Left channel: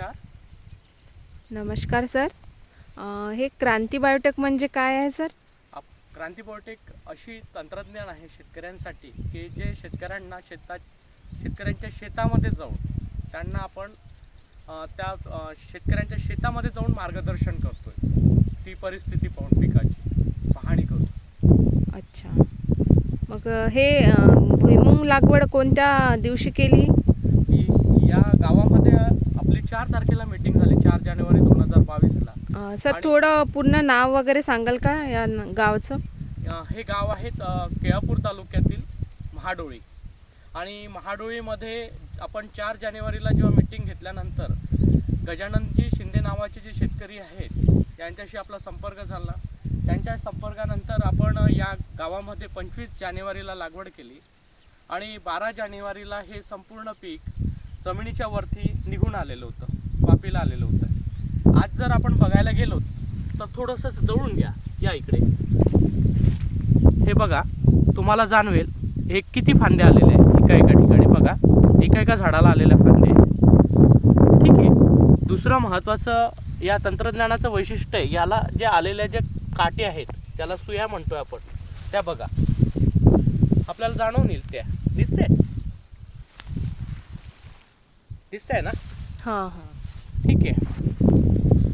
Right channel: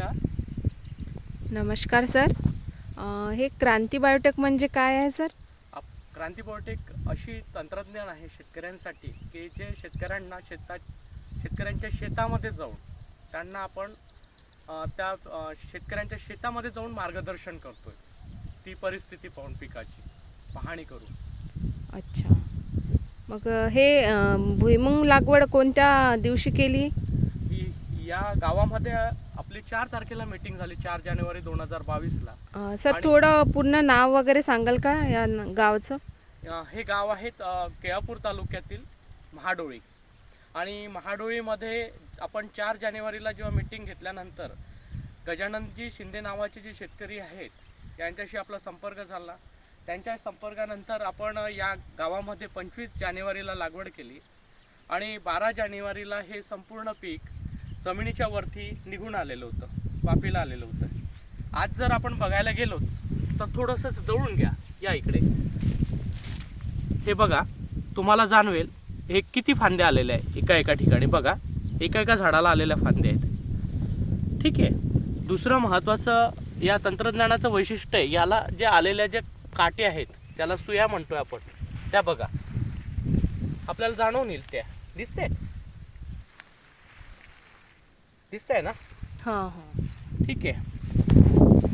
नमस्कार. नमस्कार सर. अ, हे क्रांती बायोटेक म्हणजे काय आहे सर? आप क्रांती बायोटेक अशी तंत्रज्ञान आहे शेतकऱ्यांसाठी की जे शेतकऱ्यांना शेतात शेतकऱ्यांच्या शेतामध्ये जाऊन त्यांना आपण अ, त्या अ, शेतकऱ्यांच्या शेतामध्ये जाऊन मार्गदर्शन करतोय. ती परिस्थिती पाहून पिकाची पाहणी करून. अच्छा. मग अ, हे अ, भुईमुंग लागवड कोणत्या दिवशी केली? या गावामध्ये आपली चार तारखेला मीटिंग झाली चार जानेवारी दोन हजार बावीसला. अ, सर आणि- थोडं पूर्ण नाव वगैरे सांगाल का या न- गावचं? अ, हे गाव आहेत अ, केळापूर तालुक्यातील महाडोळी. आणि महाडोळीमध्ये आपण चार जानेवारीला जेव्हा मीटिंग घेतल्यानंतर गजाननजी शिंदे नावाचे जे शेतकरी आहेत यांच्याशी आपला संपर्क झाला. त्यांच्या संपर्कानंतर आपण या गावामध्ये पंचवीस जानेवारीला लागवड केली. आणि बारा जानेवारीला हे संपूर्ण पीक जमिनीच्या वरती निघून आलेलं होतं पापीला आलेलं होतं. आज जर आपण बघायला गेलो तर थोडंसंच जवळून घ्या या इकडे. हे बघा तुम्हाला जाणवेल हे किती फांदे आलेले आहेत एका एका ठिकाणी. बघा एका एका झाडाला आलेल्या फांदे ठीक आहे. दुसरं महत्त्वाचं या तंत्रज्ञानाचं वैशिष्ट्य आहे याला जे आलेल्या जे काटे आहेत त्याला सुया म्हणतोय आपण. त्या बघा. आपल्याला जाणवून येईल त्या. दिसते दिसतंय ना? हां हां. ठीक आहे.